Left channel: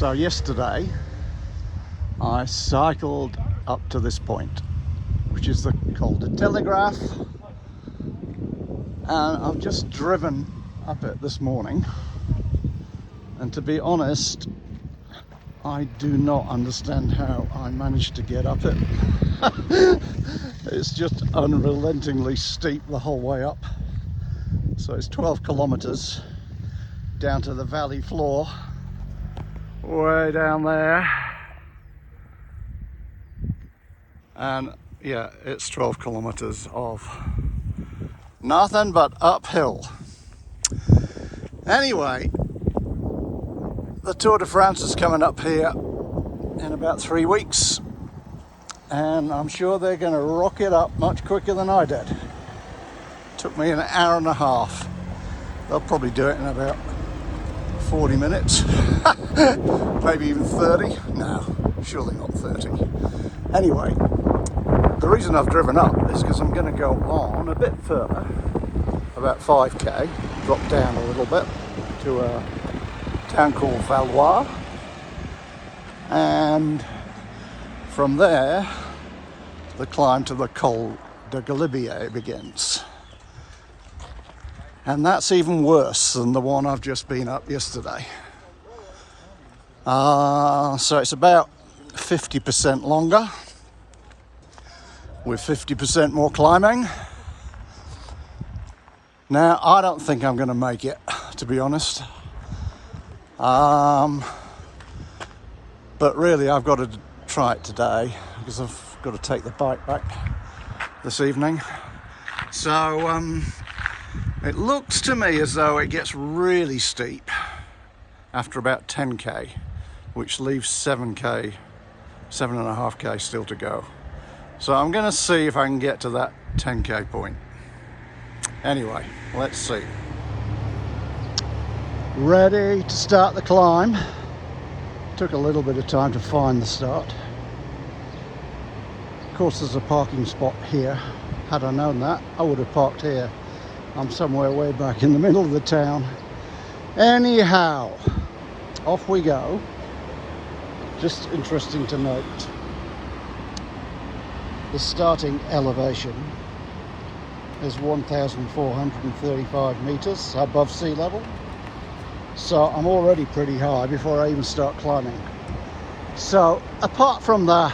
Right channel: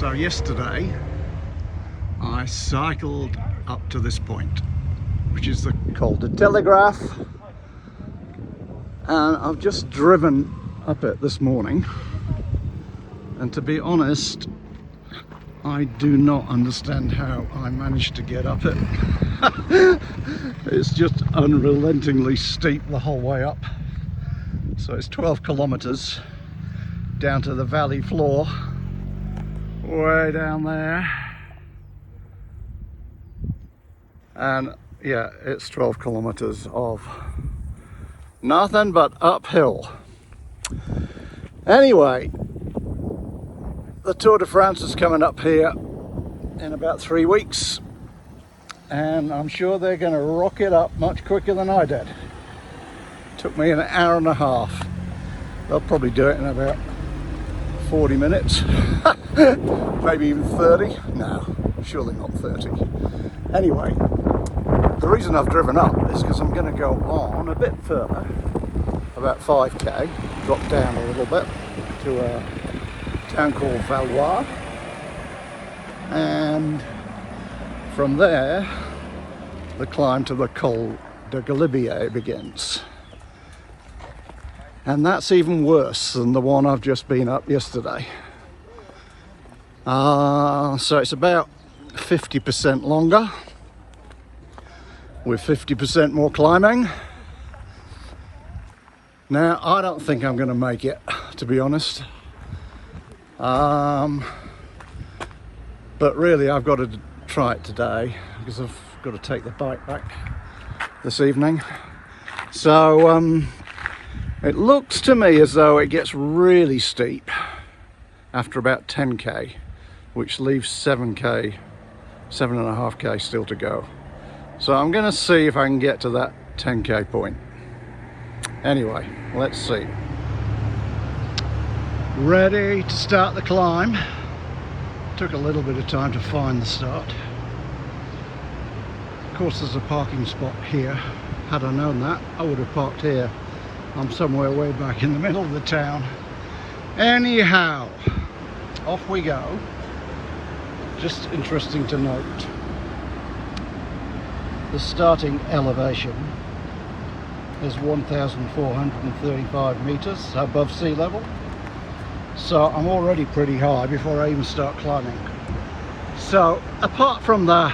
So yesterday I cycled up to this point, which is called the Telegraph, and I've just driven up it this morning, and to be honest, I do not understand how I managed to get up it. It's just unrelentingly steep the whole way up. So it's 12 kilometers down to the valley floor, way down there. And yeah, it's 12 kilometers of nothing but uphill. Anyway, the Tour de France is coming up here in about 3 weeks, and I'm sure they're going to rock it up much quicker than I did. Took me an hour and a half. They'll probably do it in about 40 minutes, maybe even 30. No, surely not 30. Anyway, the reason I've driven up is because I'm going to go on a bit further, about 5k, drop down a little bit to a town called Valois, and from there the climb to the Col de Galibier begins. And that's even worse than the one I've just been up yesterday. So it's about 50% longer, with 50% more climbing. Now, I don't think I'm going to make it, to be honest. But really, I've got to try it today because I've got to take the bike back this evening. So it looks to me as though it gets really steep after about 10k, which leaves 7k, 7.5k still to go. So I'm going to see if I can get to that 10k point. Anyway, let's see. Ready to start the climb. Took a little bit of time to find the start. Of course, there's a parking spot here. Had I known that, I would have parked here. I'm somewhere way back in the middle of the town. Anyhow, off we go. Just interesting to note, the starting elevation is 1,435 meters above sea level. So I'm already pretty high before I even start climbing. So apart from the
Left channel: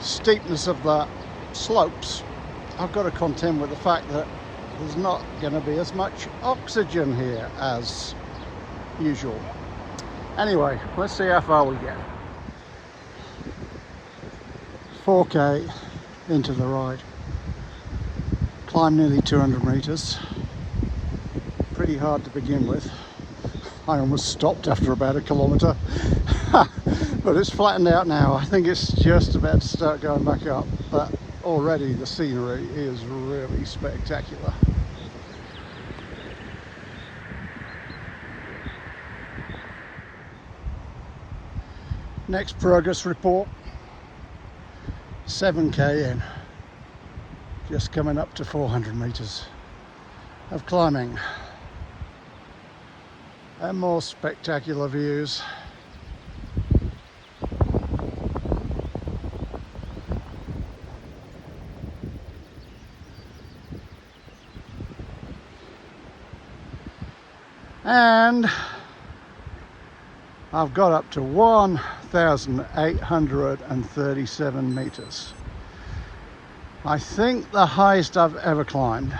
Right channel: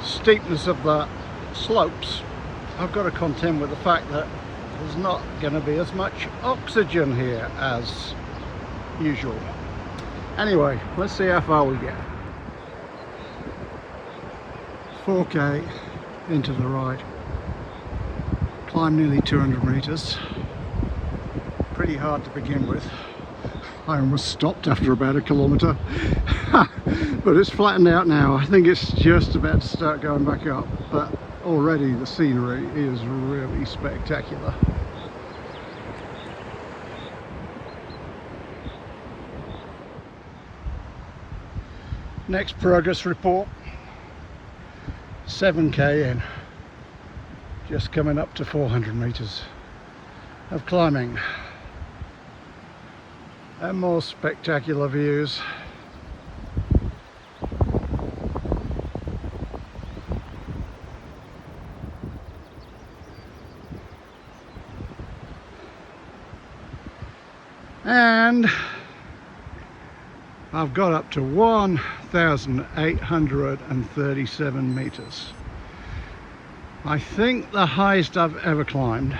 steepness of the slopes, I've got to contend with the fact that there's not going to be as much oxygen here as usual. Anyway, let's see how far we get. 4k into the ride. Climb nearly 200 meters. Pretty hard to begin with. I almost stopped after about a kilometer. But it's flattened out now. I think it's just about to start going back up. But already the scenery is really spectacular. Next progress report. 7k in. Just coming up to 400 meters of climbing. And more spectacular views. And I've got up to 1,837 meters. I think the highest I've ever climbed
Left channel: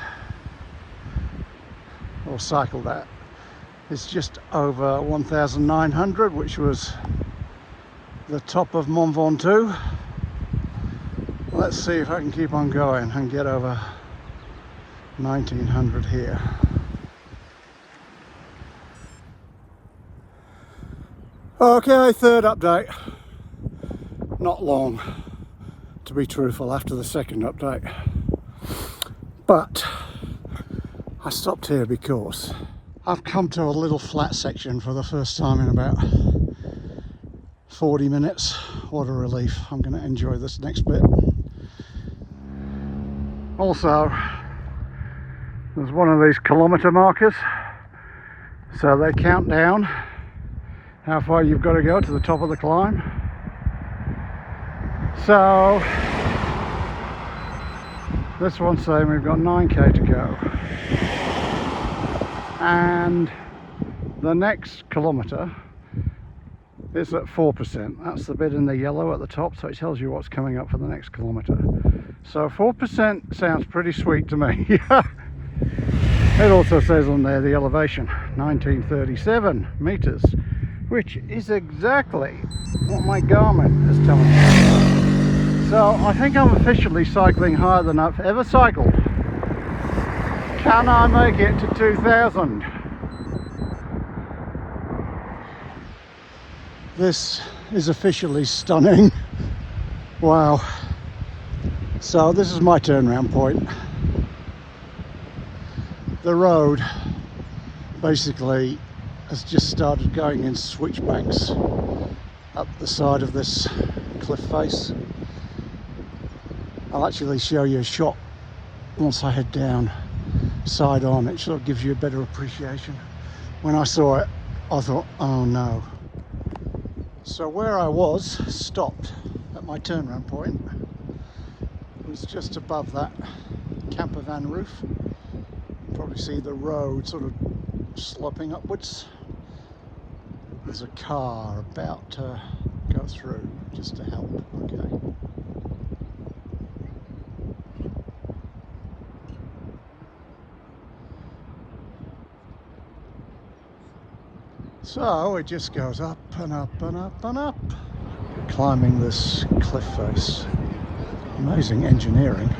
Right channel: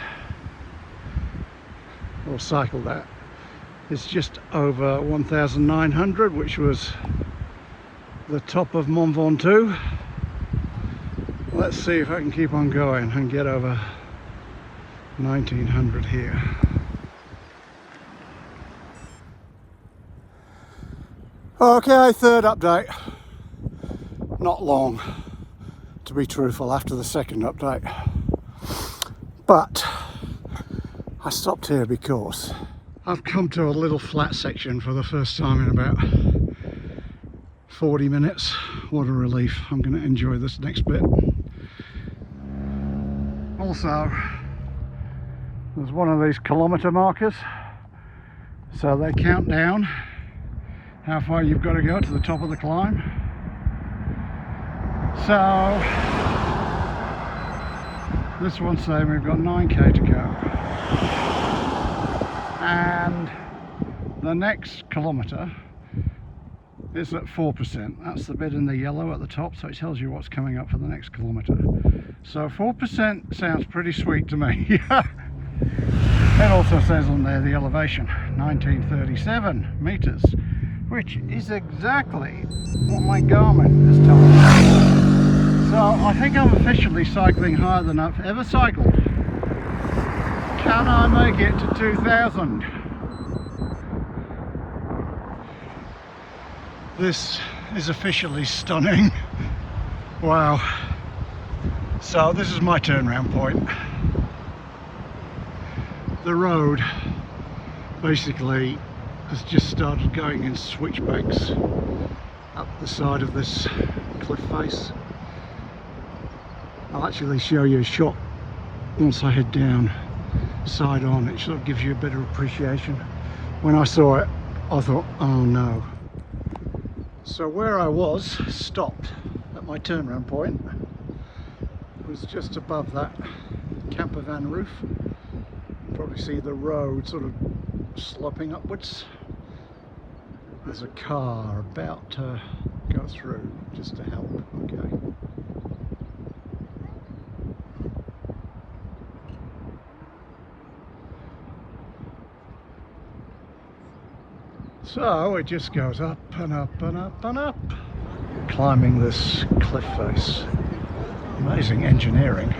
or cycled at is just over 1,900, which was the top of Mont Ventoux. Let's see if I can keep on going and get over 1,900 here. Okay, third update. Not long, to be truthful, after the second update. But I stopped here because I've come to a little flat section for the first time in about 40 minutes. What a relief. I'm going to enjoy this next bit. Also, there's one of these kilometre markers, so they count down how far you've got to go to the top of the climb. So this one's saying we've got 9k to go, and the next kilometre is at 4%. That's the bit in the yellow at the top, so it tells you what's coming up for the next kilometre. So 4% sounds pretty sweet to me. It also says on there the elevation, 1937 metres, which is exactly what my Garmin is telling me. So I think I'm officially cycling higher than I've ever cycled. Can I make it to 2000? This is officially stunning. Wow. So this is my turnaround point. The road basically has just started going in switchbacks up the side of this cliff face. I'll actually show you a shot once I head down side on. It sort of gives you a better appreciation. When I saw it, I thought, oh no. So where I was stopped at my turnaround point was just above that camper van roof. Probably see the road sort of sloping upwards. There's a car about to go through, just to help. Okay. So it just goes up and up and up and up, climbing this cliff face. Amazing engineering.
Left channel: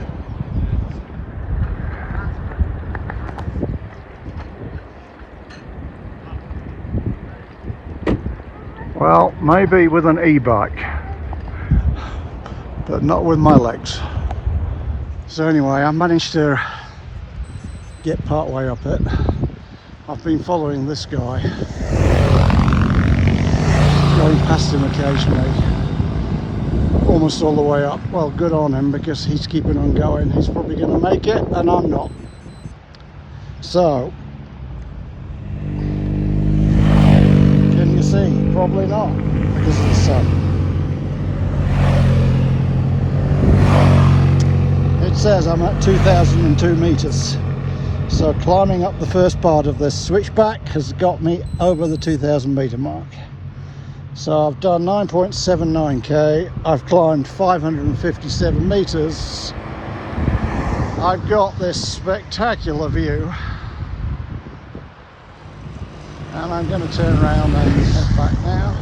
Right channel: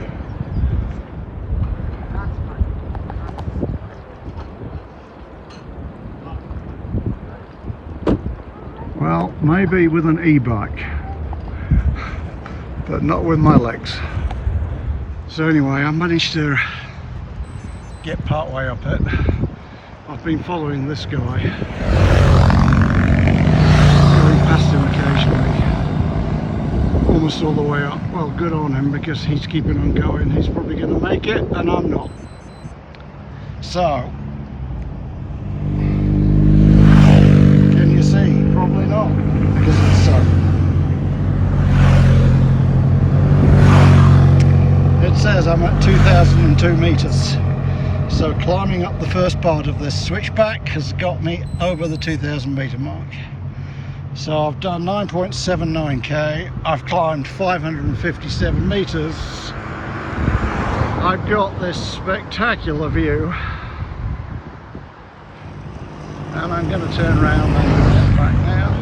Well, maybe with an e-bike, but not with my legs. So anyway, I managed to get part way up it. I've been following this guy, going past him occasionally, almost all the way up. Well, good on him, because he's keeping on going. He's probably going to make it, and I'm not. So, can you see? Probably not, because of the sun. It says I'm at 2002 metres. So climbing up the first part of this switchback has got me over the 2000 metre mark. So I've done 9.79k, I've climbed 557 metres. I've got this spectacular view, and I'm going to turn around and back now.